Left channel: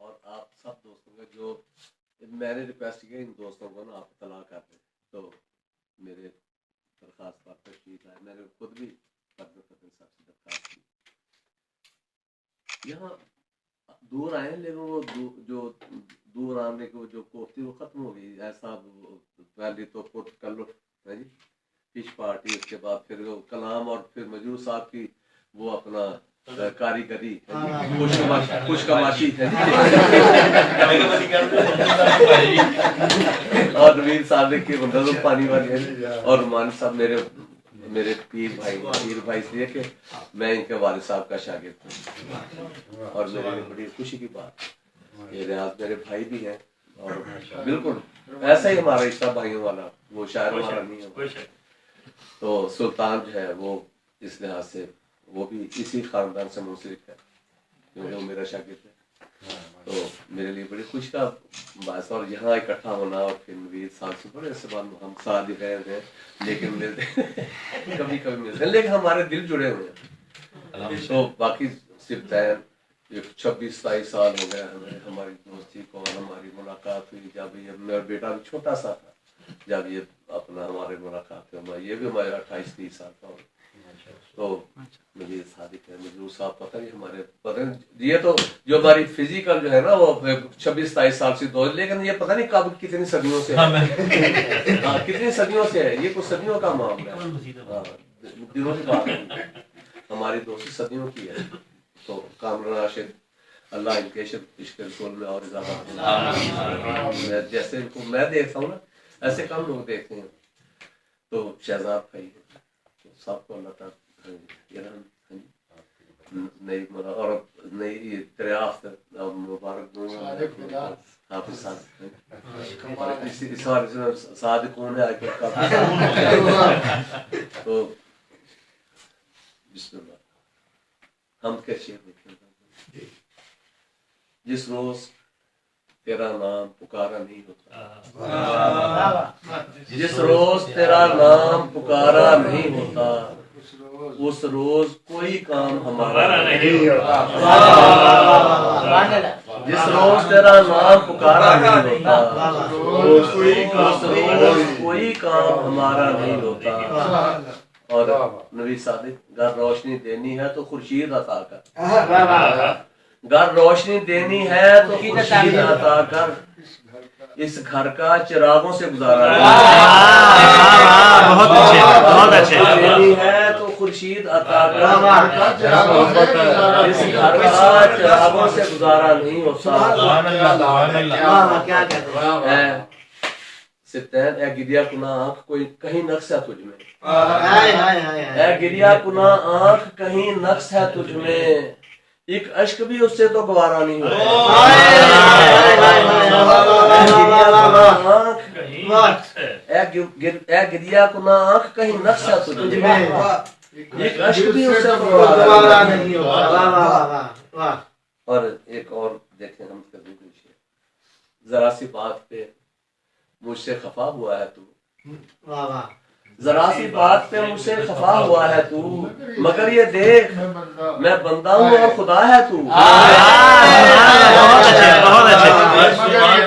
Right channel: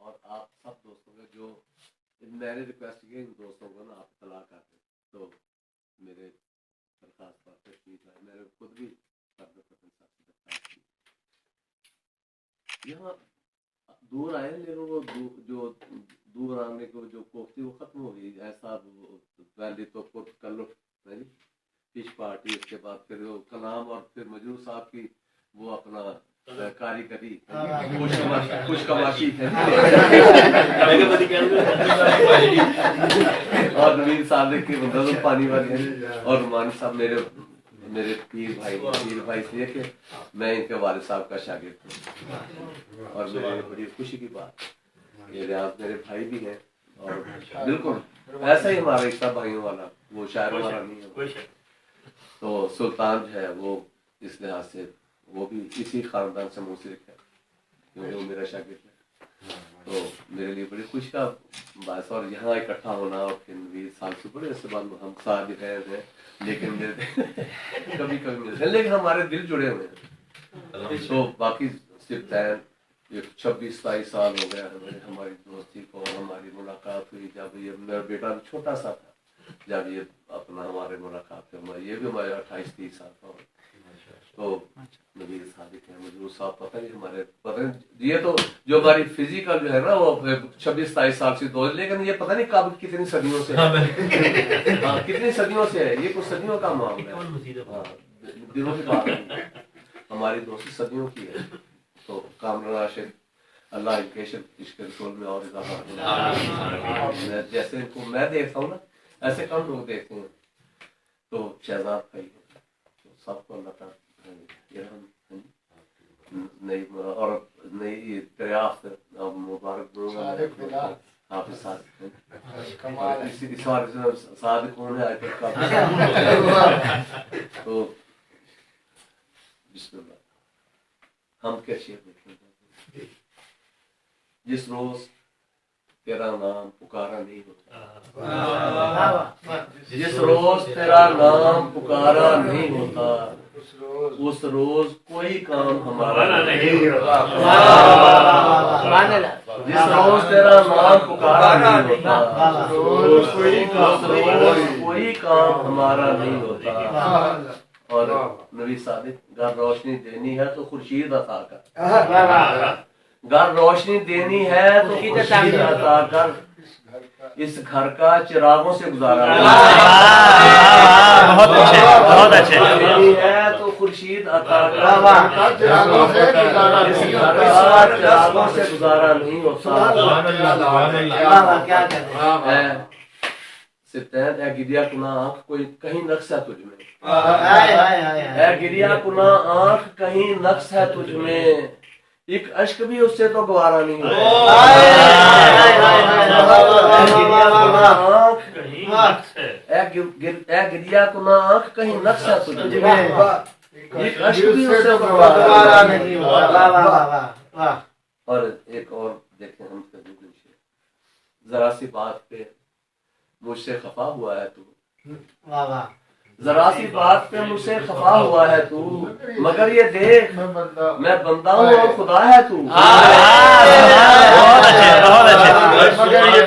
اور آپ سب دوستوں کا جو میں نے ریکویسٹ کی ان دوستوں کو نا آپ اطلاع کر دیں، تو میرے درخواست پر تشریف آئے. میں نے خود بھی پردہ فتن صاحب سے درخواست کی. یہاں دور آئے لیکن وہ جو دور آنے کو جو کوفتی وہ ختم ہو گئی. ایسا پہلے تو کر لو جی فش پارٹی، اس کے بعد پھر وہ کلام اور پھر مجروح صاحب کی وہ اپنا کاریگری خوش کماشی ہے اور نوید صاحب کے مندروں پانی والی ہے. اور رومانی صاحب میرے پیر بھائی اس لیے کہ میں ان کے والد صاحب کا شاگرد ہوں. اور میرے لیے بڑی خوشی کی بات یہ ریاض میرے بھائی بھی ہیں اور بالکل ایسا ہی ہمارا رشتہ بھائیوں والا، وہ شاعر ہمارا نہیں ہے. تو سلطان جو ہے وہ اس لحاظ سے وہ بھی اسی خاندان سے منسلک ہے کیونکہ وہ میرا شاگرد ہے. تو میرے لیے بڑی خوشی کا باعث. اور یہاں اکٹھا ہونا اور پھر نوید صاحب سے بڑے سے بعد ہم ساتھ ہی رہے تھے لیکن کبھی ملتے ہیں لیکن ہمارے دل جڑے ہوئے ہیں. تو باقی صرف 26-27 سال ہو گیا ہماری دوستی کو. ہماری ملاقات ہوئی جب یہ میرا بیٹا بھی چھوٹا سا تھا جب یہ اپنا ہمارے ملاقات ہوئی. یہ بھی ہمارے 28-30 سال کا ہو. تو نوید صادق ہے، مجروح صاحب پتہ نہیں ہمارے یہ تو جو ہماری فزیکل جو ہے نا وہ 26-27 سال سے دو، لیکن یہ پتہ نہیں کب کتنی صدیوں سے کتنی صدیوں سے ہے. یہ کچھ صدیوں کا معاملہ ہے. دنوں کی بات نہیں، ہماری دوستی صدیوں کی ہے. تو کامران راشد اللہ ان کے عشق رسول میں اور اضافہ جیسے ان کو میں دیکھتا ہوں نا ایسے کم لوگ دیکھتے ہیں. تو شہزاد بھائی سب کو اللہ تعالیٰ نئی اور نئی دریافت مبارک حافظ صادق کون ہے تو بسم اللہ ہم کے شعر دیکھیں. جس روز تیرا نام پکارا نہیں ہوتا، جس روز تیرا نام پکارا نہیں ہوتا اس روز کوئی کام ہمارا نہیں ہوتا. جس روز تیرا نام پکارا نہیں ہوتا اس روز کوئی کام ہمارا نہیں ہوتا. اور نوید صادق گر روشنی دینی ہے تو خورشید عطا کر، گر روشنی دینی ہے تو خورشید عطا کر. اس گھر کا چراغوں سے گزارا بہت اچھے بہت اچھے دینی ہے تو خورشید عطا کر. اس گھر کا چراغوں سے گزارا نہیں ہوتا. ستین اے گریا کنا آنکھ کوئی کہیں نقص ہے تجھ میں، اے گریا کنا آنکھ کہیں نقص ہے تجھ میں. ایک اشک بھی اس سے تو گوارا نہیں ہوتا. اے گریا کنا آنکھ کہیں نقص ہے تجھ میں، ایک اشک بھی اس سے تو گوارا نہیں ہوتا. اور ایک اور دیکھیں ہم کبھی ذرا سی بات پہ مجھ سے خفا ہوا ہے تو، ذرا سی بات پہ مجھ سے خفا ہوا ہے تو، مگر یہ دیکھ میں بندہ ہوں اور خدا ہے تو. بہت اچھے بہت اچھے.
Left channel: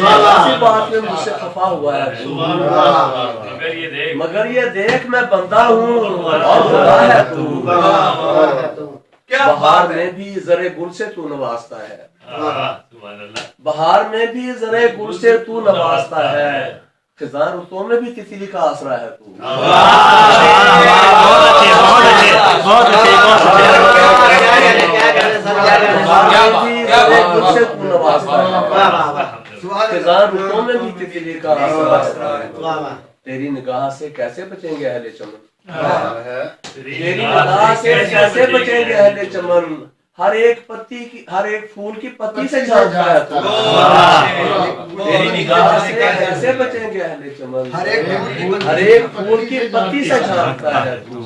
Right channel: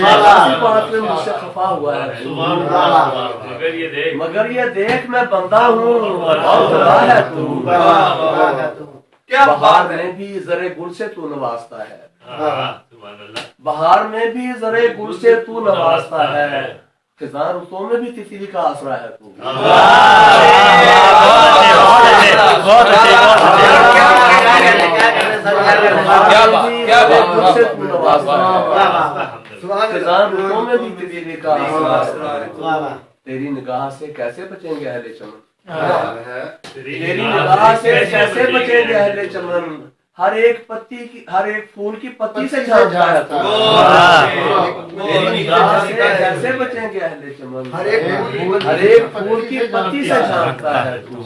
ذرا سی بات پہ مجھ سے خفا ہوا ہے تو، مگر یہ دیکھ میں بندہ ہوں اور خدا ہے تو. بہار میں بھی زرے گل سے تو نوازتا ہے، بہار میں بھی زرے گل سے تو نوازتا ہے. خزاں رتوں میں بھی تتلی کا آسرا ہے تو. بہت اچھے بہت اچھے بہت اچھے خزاں رتوں میں بھی تتلی کا آسرا ہے. تیری نگاہ سے کیسے بچیں گے اہل چمن، تیری نگاہ سے کیسے بچیں گے اہل چمن. ہر ایک پتی کی ہر ایک پھول کی پتی سے جھانکتا ہے تو. تیری نگاہ سے کیسے بچیں گے اہل چمن، ہر ایک پھول کی پتی سے جھانکتا ہے تو.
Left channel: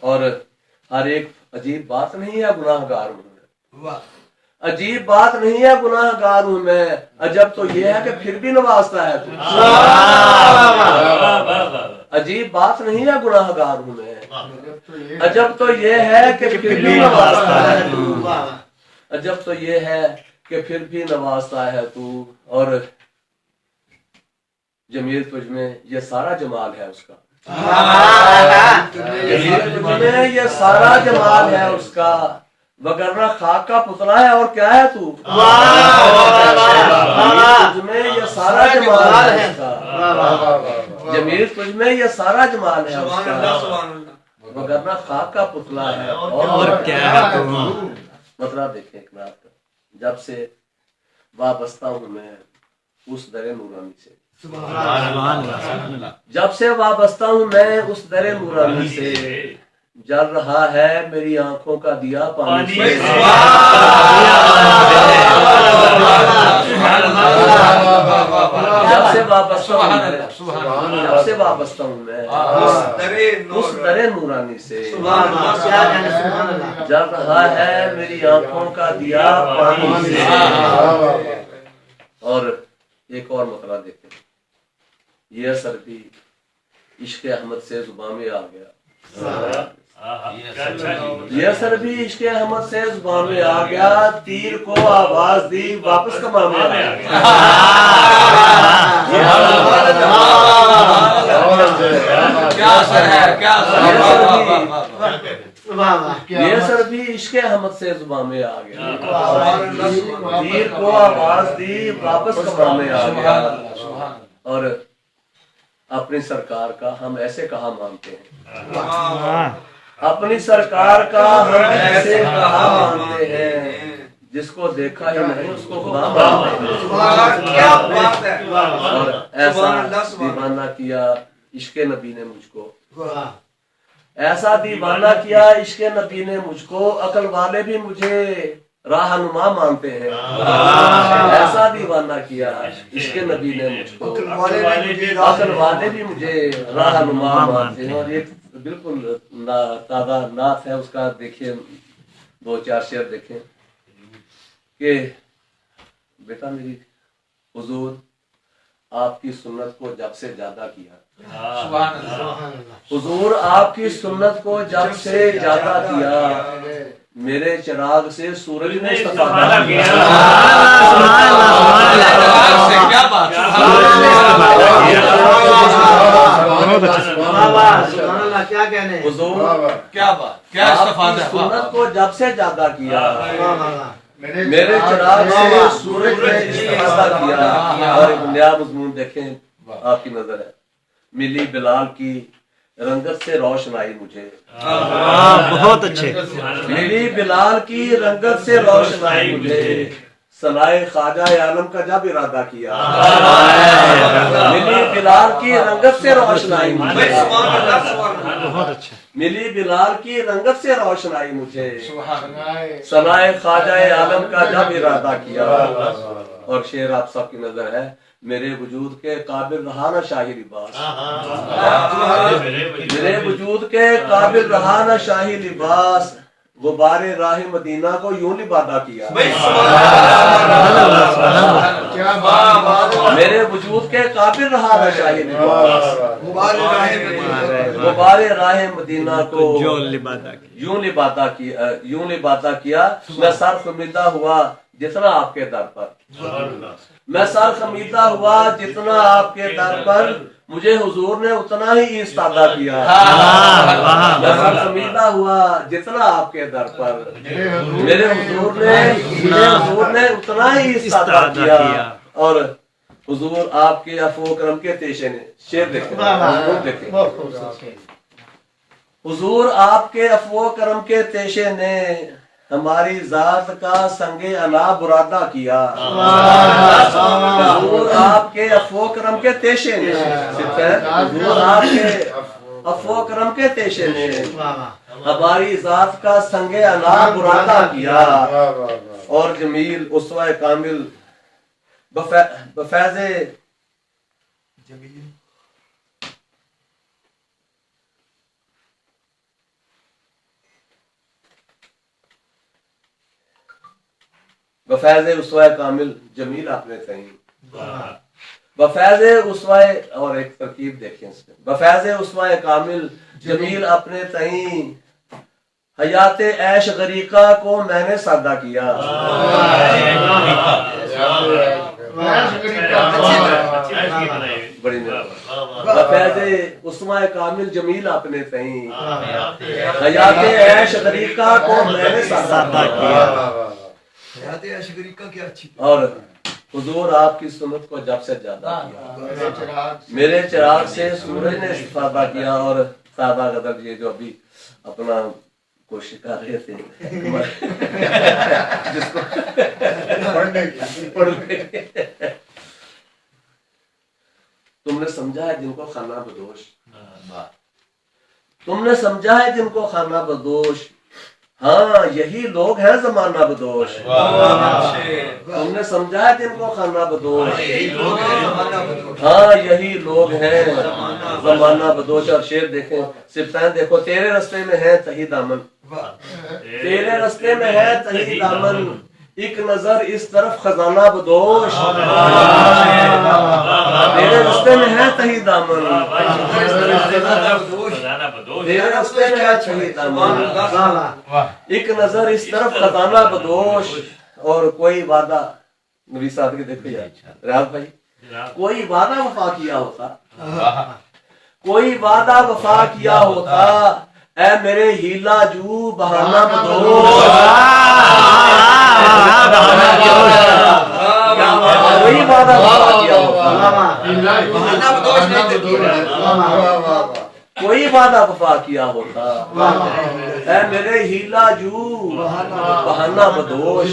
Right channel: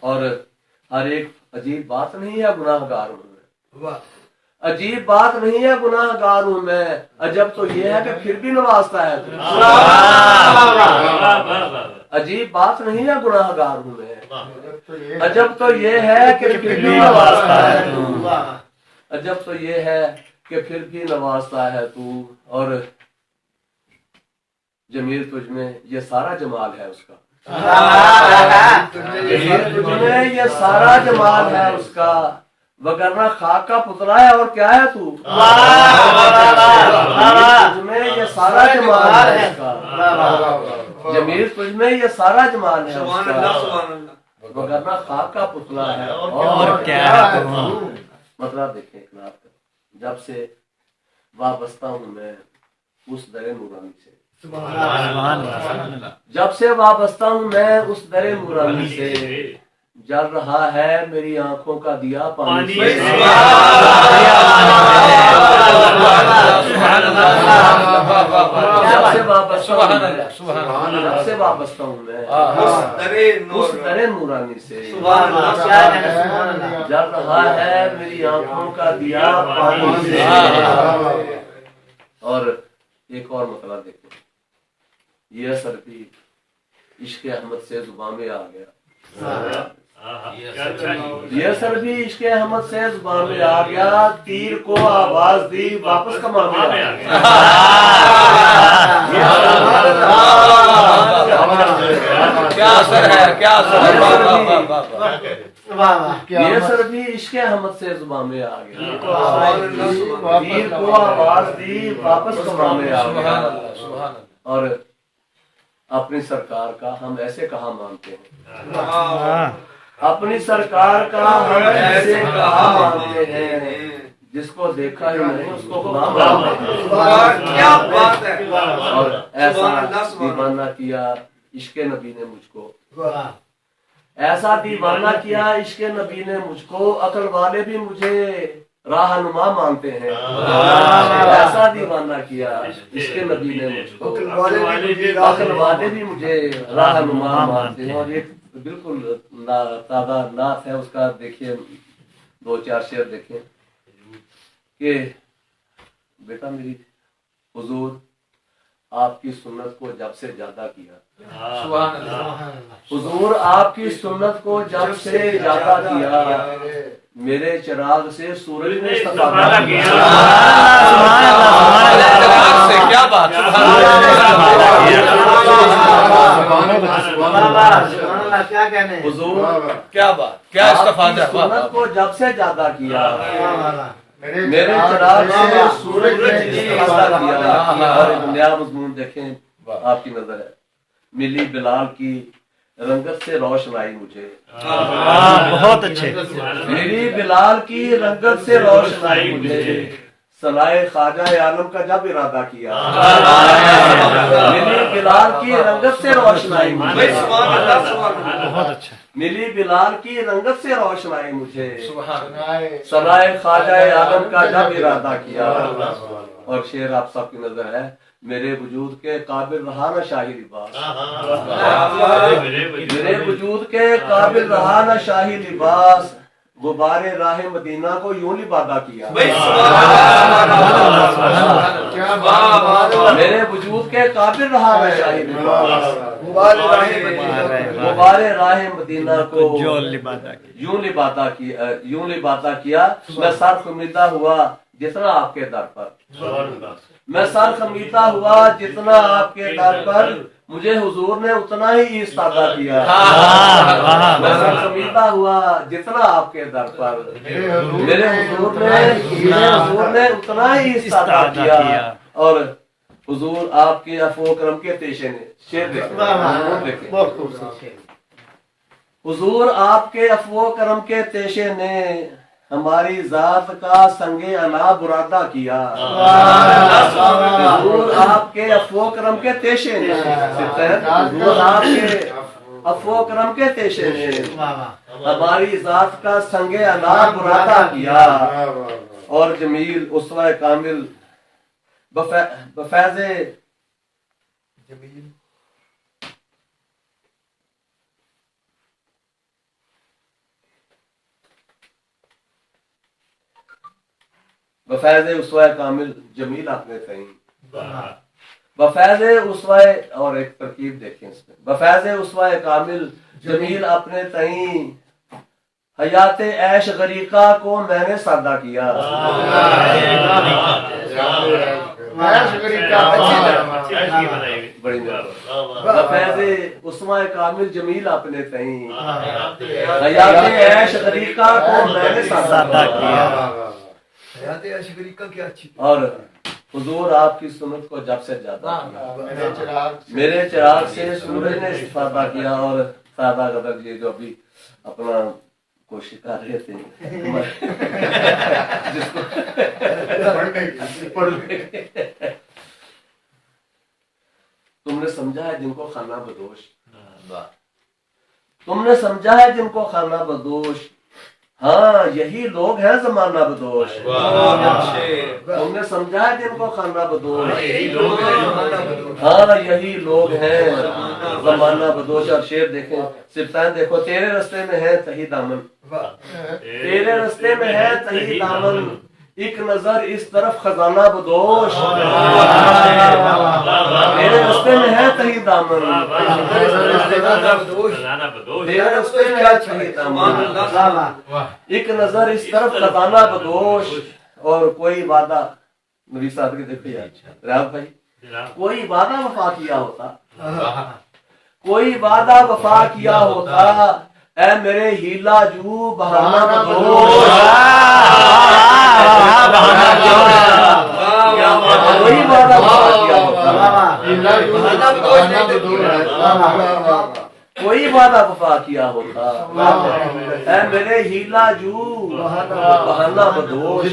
اور ہر ایک عجیب بات نہیں ہے گناہ گار ہوں میں، عجیب بات نہیں ہے گناہ گار ہوں میں. عجب تو یہ ہے کہ پھر بھی نوازتا ہے تو. عجیب بات نہیں ہے گناہ گار ہوں میں، عجب تو یہ ہے کہ پھر بھی نوازتا ہے تو. عجب تو یہ ہے کہ پھر بھی نوازتا ہے تو، اور جمیل تجھ میں یہ سارا جمال ہے اس کا، جمیل تجھ میں یہ سارا جمال ہے اس کا، وگرنہ خاک کا پتلا ہے اور کیا ہے تو، جمیل تجھ میں یہ سارا جمال ہے اس کا، جمیل تجھ میں یہ سارا جمال ہے اس کا، وگرنہ خاک کا پتلا ہے اور کیا ہے تو۔ مطلب دیکھیں جناب، جب سے وابستہ ہوں میں اس در نورانی سے، جب سے وابستہ ہوں میں اس در نورانی سے، جل رہا ہے میری آنکھوں کا دیا پانی سے، جب سے وابستہ ہوں میں، جب سے وابستہ ہوں میں اس در نورانی سے، جل رہا ہے میری آنکھوں کا دیا پانی سے۔ اور ایک اور مطلب دیکھیں، یہ اثر بھی عشق احمد سے زبان میں آ گیا، یہ اثر بھی عشق احمد سے زبان میں آ گیا، تیر کو آواز دی واپس کما میں آ گیا، کیا اثر ہے، کیا یہ اثر بھی عشق احمد سے زبان میں آ گیا، تیر کو آواز دی واپس کما میں آ گیا۔ اور اپنی سرکار کا ہم ایسے کہاں مانتے ہیں، اپنی سرکار کا ہم ایسے کہاں مانتے ہیں، جس کو دیکھا ہی نہیں اس کو خدا مانتے ہیں۔ اور ایسا دیوانہ کیا عشق نبی نے مجھ کو، ایسا دیوانہ کیا عشق نبی نے مجھ کو، عقل والے بھی مجھے راہنما مانتے ہیں، ایسا دیوانہ کیا عشق نبی نے مجھ کو، عقل والے بھی مجھے راہنما مانتے ہیں۔ اور ایک بالکل تازہ نعت ہے اس کا، دیکھیں دو چار شعر دیکھیں کہ بیٹا میری حضور آپ کی سنت کو جب سے زیادہ کیا، حضور آپ کی سنت کو جب سے زیادہ کیا، میرے چراغ سے سورج نے استفادہ کیا، حضور کیا بات، کیا استفادہ، سنت کو جب سے زیادہ کیا، میرے چراغ سے سورج نے استفادہ کیا۔ اور ایک نیا مضمون دیکھیں، آپ کی نظر ہے، ملی بلال کی رنگت سے روشنائی مجھے، بہت اچھے، ملی بلال کی رنگت سے روشنائی مجھے، صنائے خواجہ عالم کا جب ارادہ کیا، ملی بلال کی رنگت سے روشنائی مجھے، بہت اچھا، ملی بلال کی رنگت سے روشنائی مجھے، صنائے خواجہ عالم کا جب ارادہ کیا۔ اور شعر آپ سب کی نظر ہے، میرے وجود کے قابل رہا نہ شاہی لباس، میرے وجود کے قابل رہا نہ شاہی لباس، غبار راہ مدینہ کو یوں لبادہ کیا، میرے وجود کے قابل رہا نہ شاہی لباس، غبار راہ مدینہ کو یوں لبادہ کیا، میں سر خمیدہ ہوا جتنا آپ کے در پر، میں سر خمیدہ ہوا جتنا آپ کے در پر، مجھے حضور نے اتنا ہی ایستادہ کیا، میں سر خمیدہ ہوا جتنا آپ کے در پر، میرے حضور نے اتنا ہی ایستادہ کیا۔ اور حضور آپ کے عفو و کرم کے تیشے نے، شعر دیکھیں، حضور آپ کے عفو و کرم کے تیشے نے ہماری ذات کا سنگ انا برادہ کیا، حضور آپ کے عفو و کرم کے تیشے نے، حضور آپ کے عفو و کرم کے تیشے نے ہماری ذات کا سنگ انا برادہ کیا۔ اور جمیل اسوہ کامل بفیض بفیض اسوہ کامل جمیل اپنے تئیں، بفیض اسوہ، اور ایک ترکیب دیکھیں اس میں، بفیض اسوہ کامل جمیل اپنے تئیں، حیات عیش غریقہ کو میں نے سادہ کیا، بڑی فیض عثمان کامل جمیل اپنے تئیں، حیات عیش غریقہ کو میں نے سادہ کیا۔ حیات عیش غریقہ کیا اچھی، اور حضور آپ کی سنت کو جب سے زیادہ کیا، میرے چراغ سے سورج نے استفادہ کیا، اور سادہ قدر یہ جو ابھی اپنا کوشش کر رہے تھے جس کو تم نے سمجھا ہے جن کو خانہ بدوش، تم نے سمجھا ہے جن کو خانہ بدوش، ہاں یہی لوگ ہیں زمانہ بدوش، تم نے سمجھا ہے جن کو خانہ بدوش، ہاں یہی لوگ ہیں زمانہ بدوش۔ اور شعر دیکھیں، صفتیں دیکھو، تیرے رستے میں ہے تہی دامن، تیرے رستے میں ہے تہی دامن، ایک نظر اس طرف خزانہ بدوش، تیرے رستے میں ہے تہی دامن، تیرے رستے میں ہے تہی دامن، ایک نظر اس طرف خزانہ بدوش۔ اور کوئی وعدہ، نبی صاحب کے دیکھو یار ریاض بھائی، کوئی وعدہ وفا کیا ہوتا، کوئی وعدہ وفا کیا ہوتا، اے میرے ہیلا جو بہانہ بدوش، کوئی وعدہ وفا کیا ہوتا، کوئی وعدہ وفا کیا ہوتا، اے میرے ہیلا جو بہانہ بدوش۔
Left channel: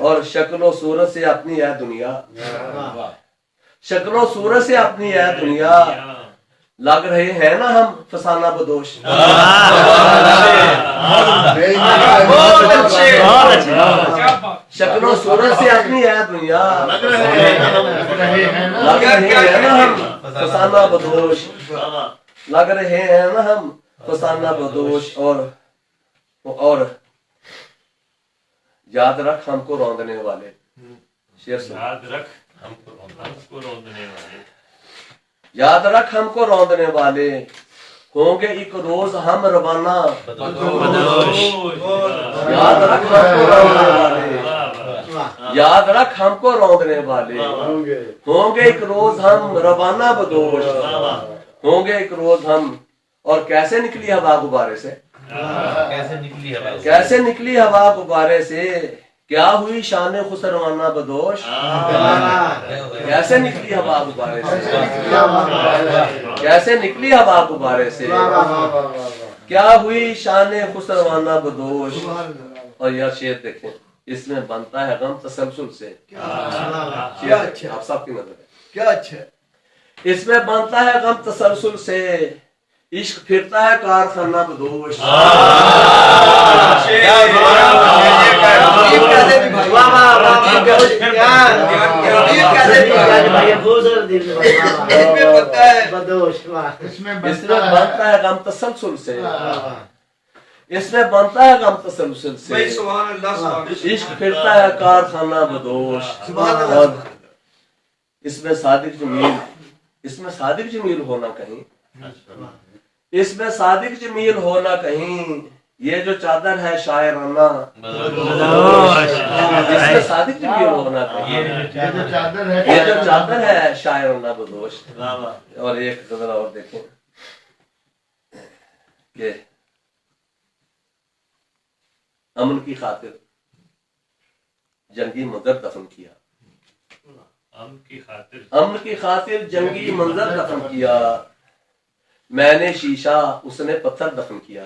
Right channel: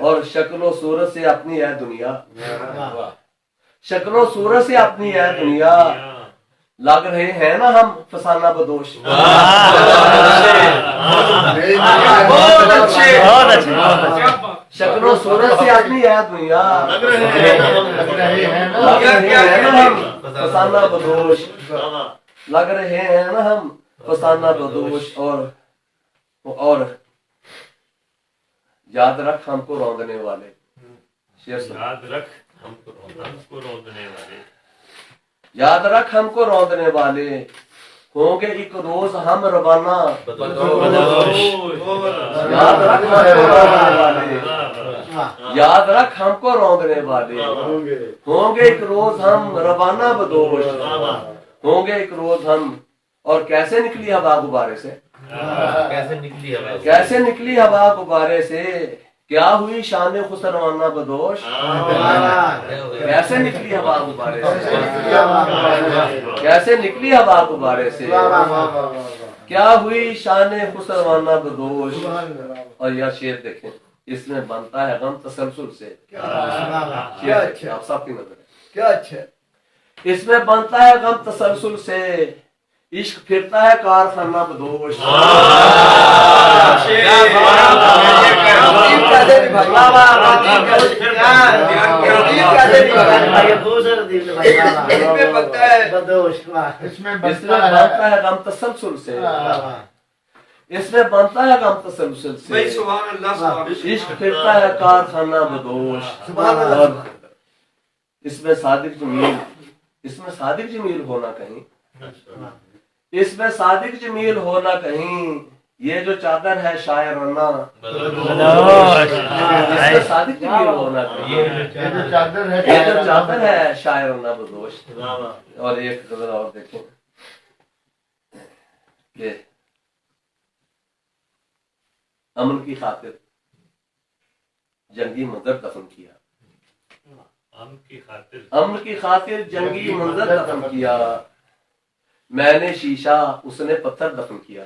اور شکل و صورت سے اپنی ہے دنیا، شکل و صورت سے اپنی ہے دنیا، لگ رہے ہیں نا ہم فسانہ بدوش، شکل و صورت سے اپنی ہے دنیا، لگ رہے ہیں نا ہم فسانہ بدوش، لگ رہے ہیں نا ہم فسانہ بدوش۔ اور یاد رکھ ہم کو روندنے والے، یاد رکھ ہم کو روندنے والے، یاد رکھ ہم کو روندنے والے، ہوں گے ایک روز ہم روانہ بدوش، یاد رکھ ہم کو روندنے والے، یاد رکھ ہم کو روندنے والے، ہوں گے ایک روز ہم روانہ بدوش، ہوں گے ایک روز ہم۔ اور کیسے نکلی ہوا غبارے سے، کیسے نکلی ہوا غبارے سے، کیا ہوئی شان خسروانہ بدوش، کیسے نکلی ہوا غبارے سے، کیسے نکلی ہوا غبارے سے، کیا ہوئی شان خسروانہ بدوش۔ اور یہ شعر دیکھیں، اس میں بنتا ہے غم تسلسل سے، آپ سب کی نظر ہے کیا اچھا، اس میں بنتا ہے غم تسلسل سے، عشق پھرتا ہے کارخانہ بدوش، اس میں بنتا ہے غم تسلسل سے، اس میں بنتا ہے غم تسلسل سے، عشق پھرتا ہے کارخانہ بدوش۔ اور اس میں صادق جمیل، اس میں صادق جمیل ہونا کہیں، اس میں صادق جمیل ہونا کہیں، یہ جو چادر ہے شاعرانہ بدوش، اس میں صادق جمیل ہونا کہیں، یہ جو چادر ہے شاعرانہ بدوش۔ اور ایک غزل اور دیکھیں کہ امن کی خاطر جنگی منظر دفن کیا، امن کی خاطر، امن کی خاطر جنگی منظر دفن کیا، میں نے شیشہ اس نے پتھر دفن کیا،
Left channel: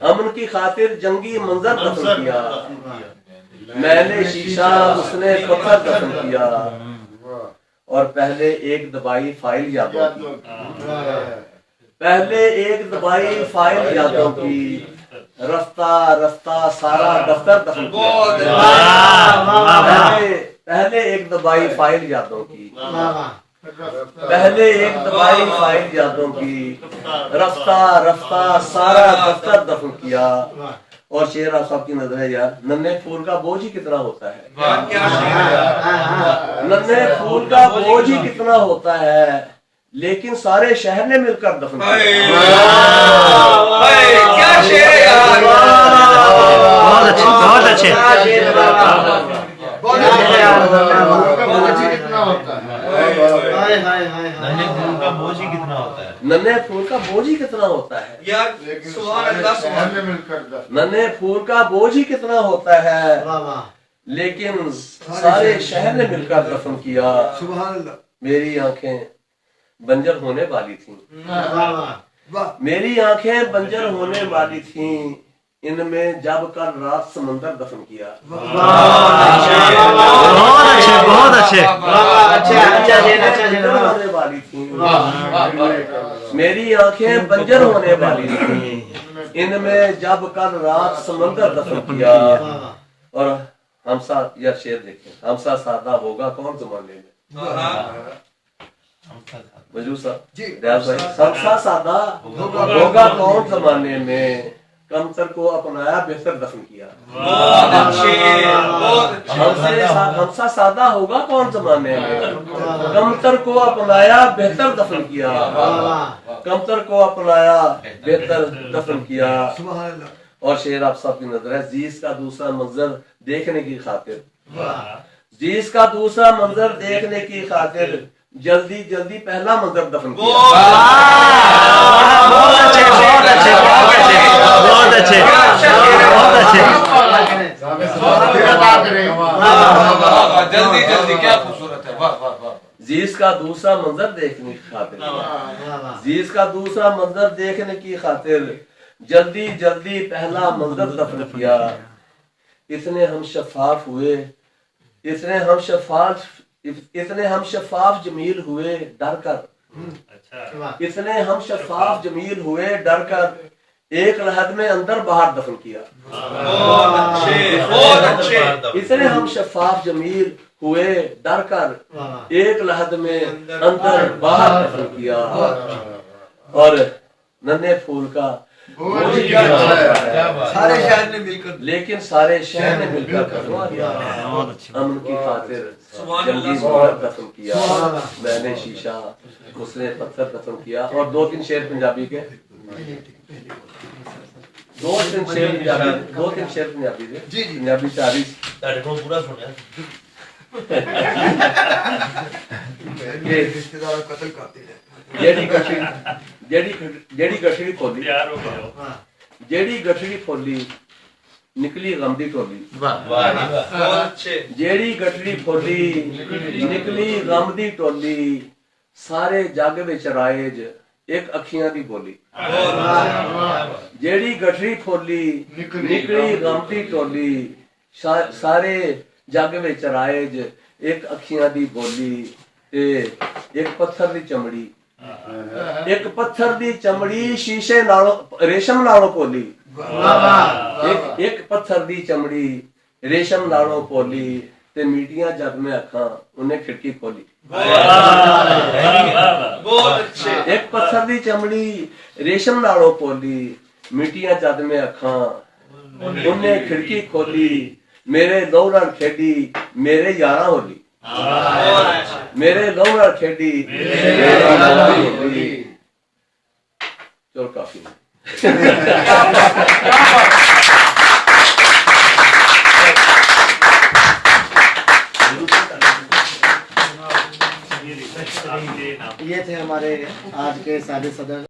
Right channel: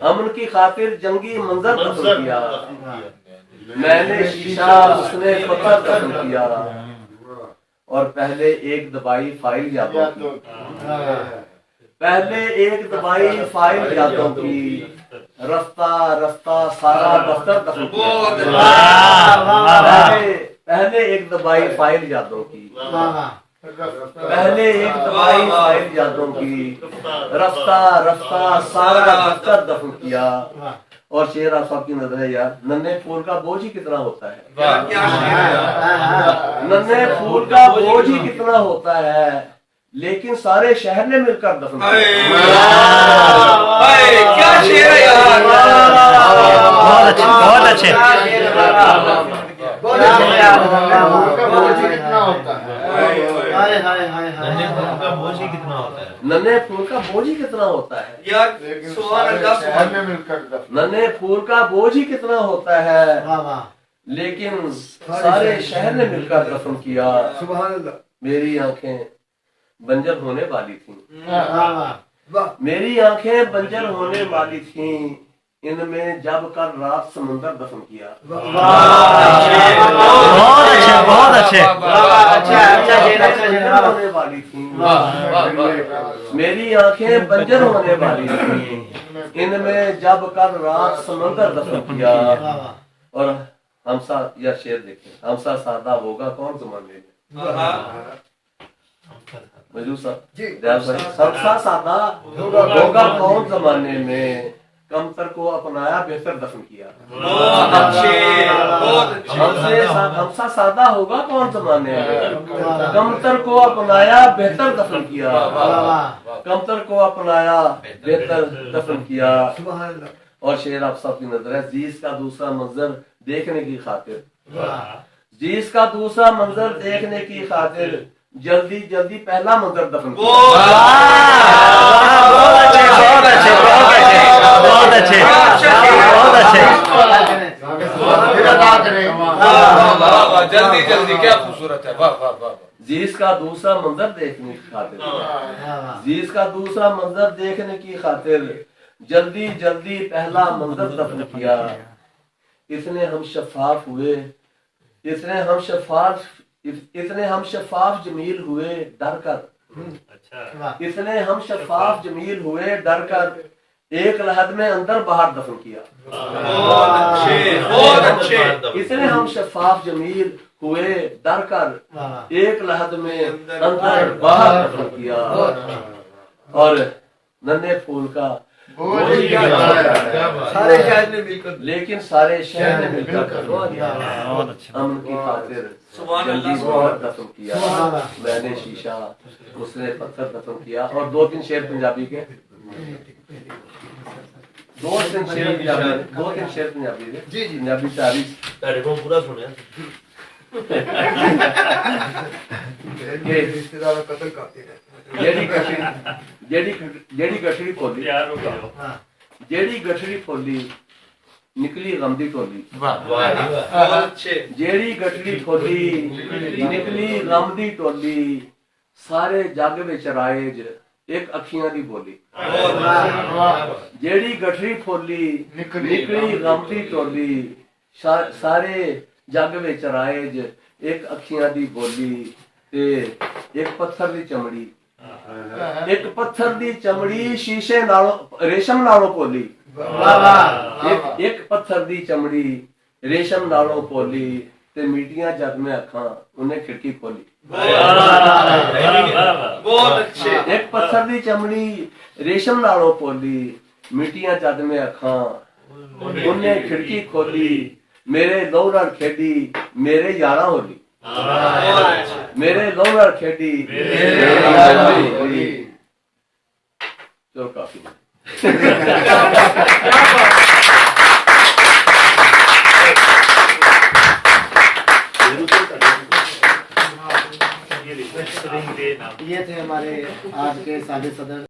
امن کی خاطر جنگی منظر دفن کیا، میں نے شیشہ اس نے پتھر دفن کیا۔ اور پہلے ایک دبائی فائل یادوں کی، پہلے ایک دبائی فائل یادوں کی، رفتہ رفتہ سارا دفتر دفن کیا، پہلے ایک دبائی فائل یادوں کی، پہلے ایک دبائی فائل یادوں کی، رفتہ رفتہ سارا دفتر دفن کیا۔ اور شعر آپ سب کی نظر ہے یار، ننھے پھول کا بوجھ ہی کتنا ہوتا ہے، ننھے پھول کا بوجھ ہی کتنا ہوتا ہے، لیکن سارے شہر نے مل کر دفن کیا کیا شعر ہے یار بہت اچھے بہت اچھے ننھے پھول کا بوجھ ہی کتنا ہوتا ہے یار سبحان اللہ سبحان ننھے پھول کا بوجھ ہی کتنا ہوتا ہے لیکن سارے شہر نے مل کر دفن کیا سبحان اللہ میری آنکھیں بنجر ہونے والی تھیں واہ میری آنکھیں بنجر ہونے والی تھیں ان میں جب کر رات سمندر دفن کیا بہت اچھے بہت اچھے ہونے والی تھیں میری آنکھیں بنجر ہونے والی تھیں ان میں جب کر رات سمندر دفن کیا اور ہمسا یا شعر دیکھیں ہمسا سادہ ہوگا کون زمانے میں مجھور صاحب جی ریاض بھائی ہمسا سادہ ہوگا کون زمانے میں کمتر کو اپنایا بہتر دفن کیا ہمسا سادہ ہوگا کون زمانے میں کمتر کو اپنایا بہتر دفن کیا کمتر کو اپنایا بہتر دفن کیا سبحان اللہ اور شعر آپ سب کی نظر ہے جیس کا دوسرا منظر دیکھنے کی خاطر جیس کا دوسرا منظر دیکھنے کی خاطر جلدی جلدی پہلا منظر دفن کیا بہت اچھے بہت اچھے بہت اچھے بہت اچھے جلدی جلدی کیا خوبصورت ہے واہ واہ واہ جیس کا دوسرا منظر دیکھنے کی خاطر جیس کا دوسرا منظر دیکھنے کی خاطر جلدی جلدی پہلا منظر دفن کیا اتنے ہم شفاف ہوئے اتنے ہم شفاف جمیل ہوئے ڈر کر اتنے ہم شفاف جمیل ہوئے ڈر کر ایک لحد میں اندر باہر دفن کیا اتنے ہم شفاف جمیل ہوئے ڈر کر ایک لحد میں اندر باہر دفن کیا اور ننھے پھول کا سارے شہر نے مل کر لیکن سارے شہر نے مل کر امن کی خاطر جلدی باہر دفن کیا میں نے شیشہ اس نے پتھر دفن کیا اور دو تین شعر پنجابی کے دو تین شعر پنجابی کے جی جی پنجابی تعریف رشتے دار قتل کرتے ہیں جیڑی گٹھڑی پھولی نکلی غم دی ٹولی جیڑی گٹھڑی پھولی نکلی غم دی ٹولی سارے جگ وچ رائج ایک اکھیاں دی بولی جیڑی گٹھڑی پھولی نکلی غم دی ٹولی سارے جگ وچ رائج ایک اکھیاں دی بولی ایک پتھر دی چمڑی ایک پتھر دی چمڑی شیشے نالوں ریشم نالوں پولی ایک پتھر دی چمڑی ریشم نالوں پولی تے میٹیاں جگ میں اکھاں انہیں کھڑکی کھولی ایک پتھر دی چمڑی ریشم نالوں پولی میٹیاں جگ میں اکھاں انہیں کھڑکی کھولی میرے لو نال کھیڈی میرے یاراں ہولی میرے لو نال کھیڈی چلو کافی یہ تھے ہمارے آج کے سابق صدر